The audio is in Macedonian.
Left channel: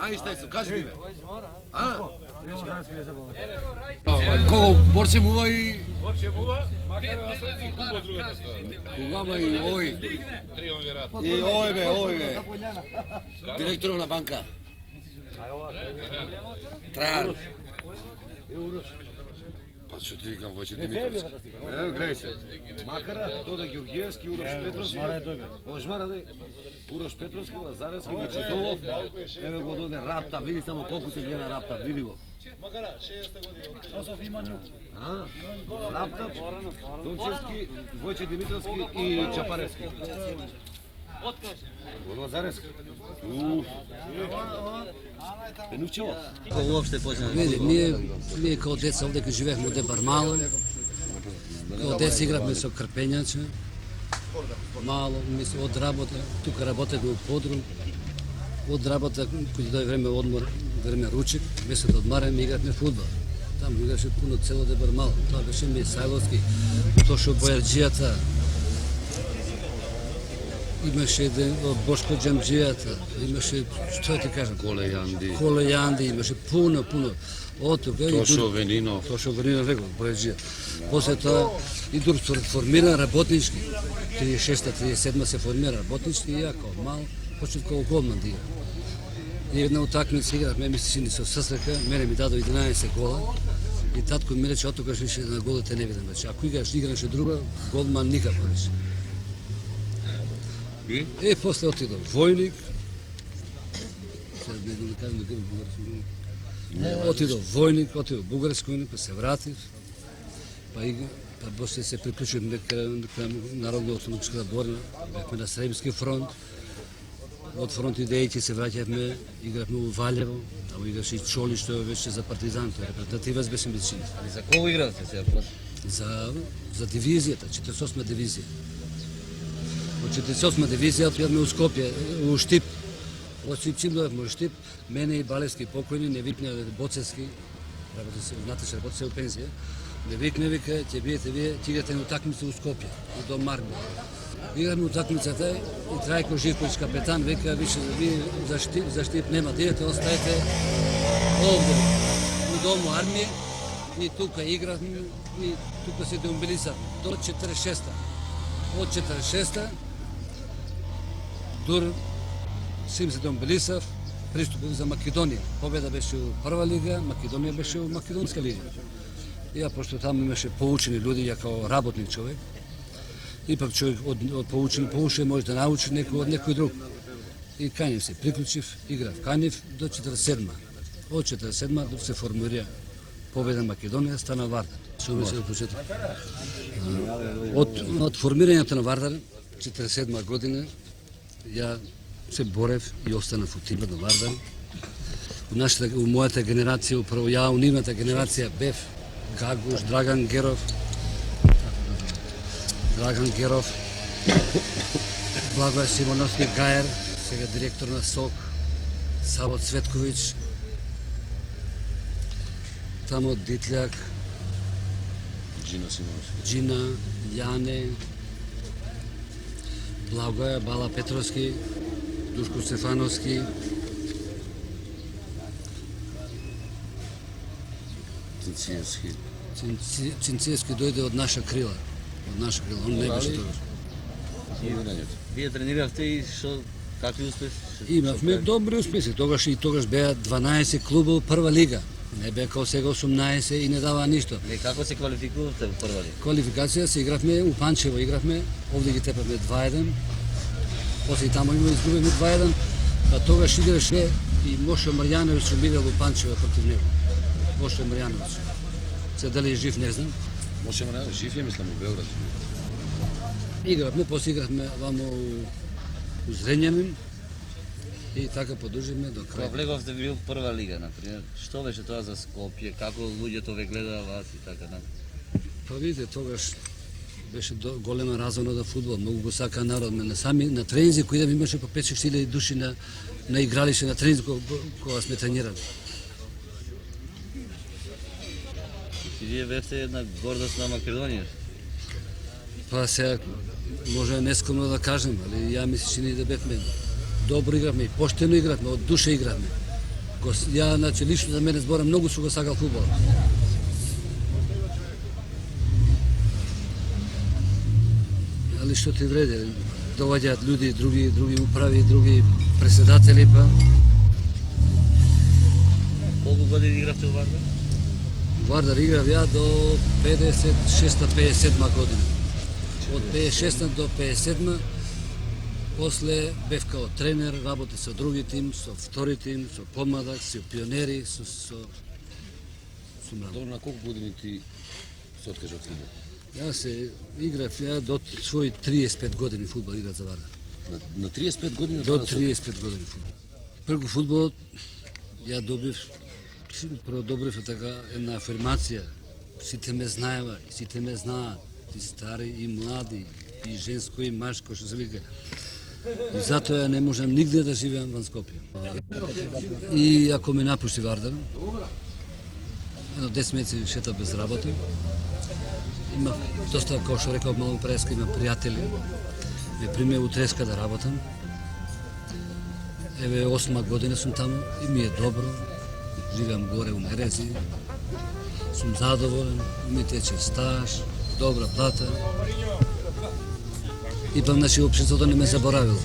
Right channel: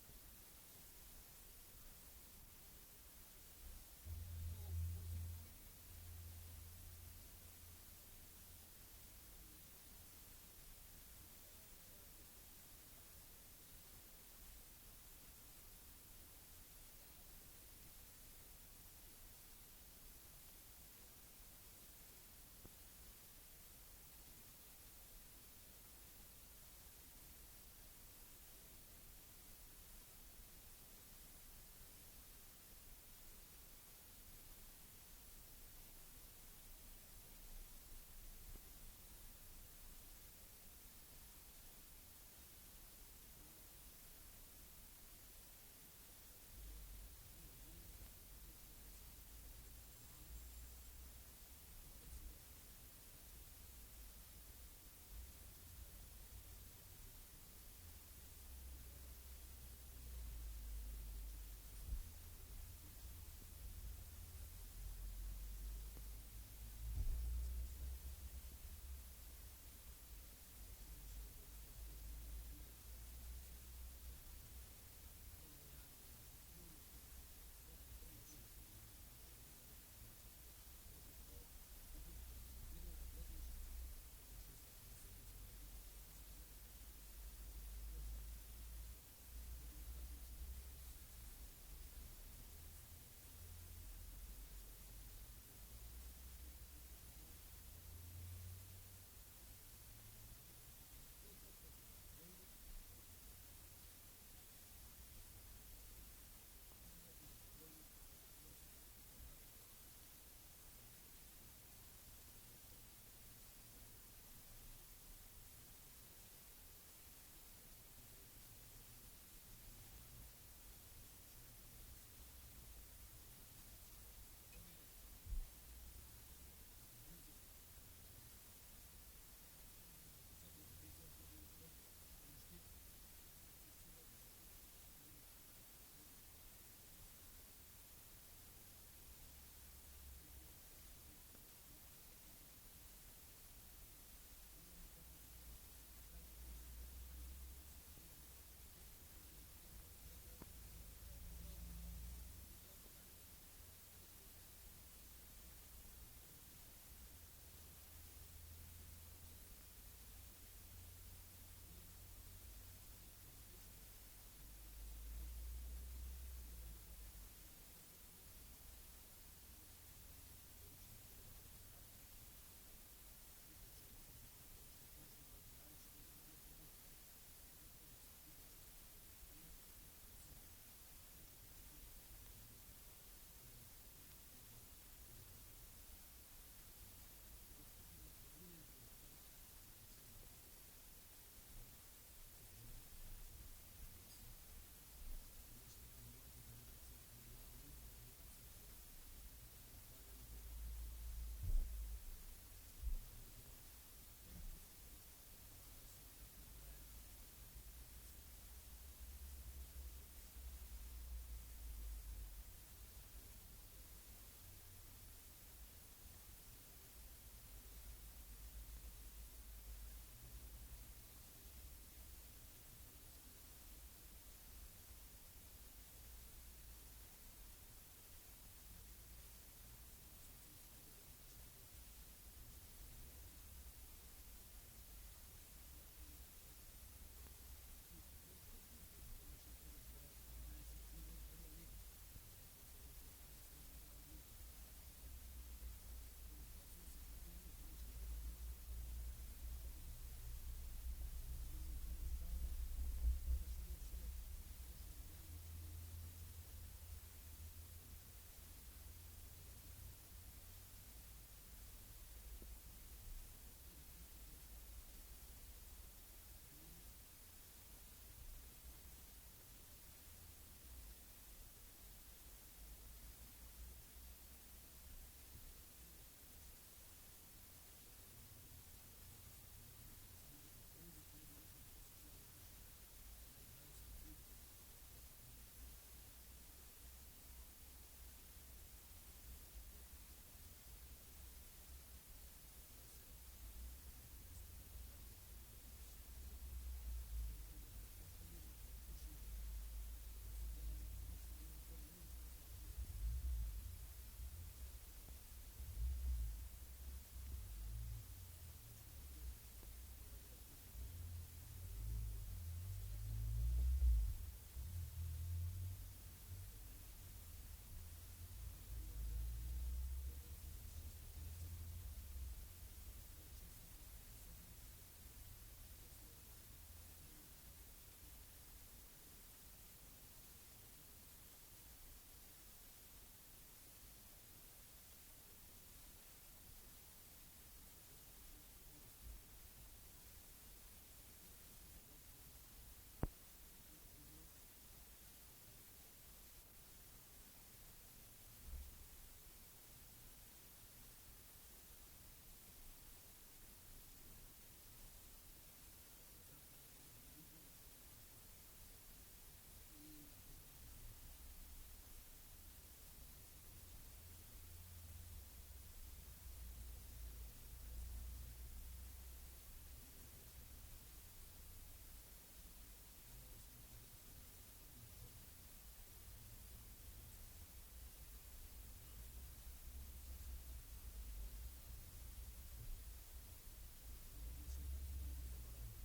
Ај што се, кажи ми бе. А? Кого борце мува и Кога и овој. И овој бе. Директорот на банка. Тран. Па што ти викам Војче Димитровски? Ево гледај се. Макара, Тода Ѓорѓиевски, Урош Петровски. Ожмара да Урош Петровски, Лазаревски, Мачетолов. Еве го доде Рапта, види само колку се гледа Рапта, види го. Макара, 60 години. Рапта, Дончевски, Војче Димитровски и Чапаревски. Лазаревски. Пенучево. Уопште почна. Ние као деца овде кога живеевме од Бармало, као деца игравме со крпењаче, мало, од работа, тука работевме у подрум, од работа, кој дојде време одмор, време ручек, беше да одмараме, игравме фудбал. Таму играше пуно цело де Бармало, тоа беше Мисајловски, Тошо Бојарџијата, имаше Бошко Џамџијата, имаше, што ти кажам? Коле Јанди, имаше пуно. Од тука Тошо Венинов, рекол, Бојарџија. После тоа и дур формира работнички. 36-37 се формира работнички и ја као мал, почнав као голман да играм. И една утакмица игравме, мисли ни со ССК, мене ми дадо 11 гола. И татко ми рече, отогаш више на голите не видам. Значи, ако играше друга, голман никако рече. И после отидов војник, отидов војник, отидов бугарски војник, па се вратив, па после се приклучив към Народна ослободителна борба, бевме на Сребски фронт, од фронт идејќи се враќавме, игравме у Валево, таму играше и Чоли, што беше за партизан, тој репрезентативец беше медицина. За кого игравте сега? За дивизијата, 48 дивизија. Од 48 дивизија отидовме у Скопје, у Штип. Од чим дојавме у Штип, мене и Балевски покојни, не викне Боцевски, знаете што работи се у пензија, не викне, вика, ќе биете вие, ќе играте на утакмица у Скопје, у Дом Мармија. Играме утакмицата и Трајко Живковиќ, капетан, вика, више, вие за Штип нема да идете, оставете овде, у Дому Армија, и тука игравме, и тука се демобилизавме, до 46-та. Од 46-та, дур Сим се демобилизав, приступив за Македонија. Победа беше у прва лига, Македонија беше у Македонска лига. И пошто таму имаше поучени луѓе, ја као работник човек, ипак човек од поучен може да научи некој од некој друг. И Канев се приклучив, играв Канев до 47-ма. Од 47-ма се формира победа Македонија, стана Вардар. Од формирањето на Вардар, 47 година, ја се борев и останав у тимот на Вардар. У мојата генерација, управо ја, у нивната генерација бев Гагуш, Драган Геров, Благој Симоновски Гајер, сега директор на СОК, Саво Цветковиќ, тамо Дитљак, Джина, Јане, Благоја, Бала Петровски, Душко Стефановски, Цинциевски дојде од наша крила. Он не беше тогаш. Вие трениравте и какви успеси? Имавме добри успеси. Тогаш беа 12 клуба во прва лига. Не беа као сега 18 и не дава ништо. Како се квалификувавте во прва лига? Квалификација се игравме, у Панчево игравме, овде ги тепавме 2-1. После и тамо имаме изгубивме 2-1. Па тогаш играше и Мошо Марјановиќ што играл во Панчево против него. Мошо Марјановиќ. Се дали е жив, не знам. Моше Марјановиќ жив е, мислам, у Београд. Игравме, после игравме вамо у Зрењанин и така продолживме до крај. Кога влеговте во прва лига, например, што беше тоа за Скопје, како луѓето ве гледаа вас и така например? Па видите, тогаш беше голема развона за фудбал, многу го сака народ. На тренинзи кои имаше по 5-6 хиляди души на игралище на тренинзи кога сме тренирали. Вие бевте една гордост на Македонија. Па сега може нескромно да кажем, али ја мислам че ние да бевме добро игравме и поштено игравме, од душа игравме. Ја, значи, лично за мене зборам, многу су го сакал фудбал. Али што ти вреди, доаѓаат луѓе, други управи, други председатели, па Колку години игравте во Вардар? Вардар играв ја до 56-57 година. Од 56 до 57 после бев као тренер, работи со други тим, со втори тим, со помладак, со пионери, со млади. Добро, на колку години ти се откажа од фудбал? Ја се играв ја до своји 35 години фудбал играв за Вардар. На 35 години? До 35 години фудбал. Прво фудбалот ја добив така една афирмација. Сите ме знаева, сите ме знаат, и стари и млади, и женско и машко, што се вика. И затоа ја не можам нигде да живеам ван Скопје. И ако ме напушти Вардар, едно 10 месеци шета без работа, има доста, како што реков малку преска, има пријатели, ме примија у Треска да работам. Еве 8 година сум таму и ми е добро. Живеам горе у Мерези, сум задоволен, ми тече стаж, добра плата. Ипак, значи, општеството не ме заборавило.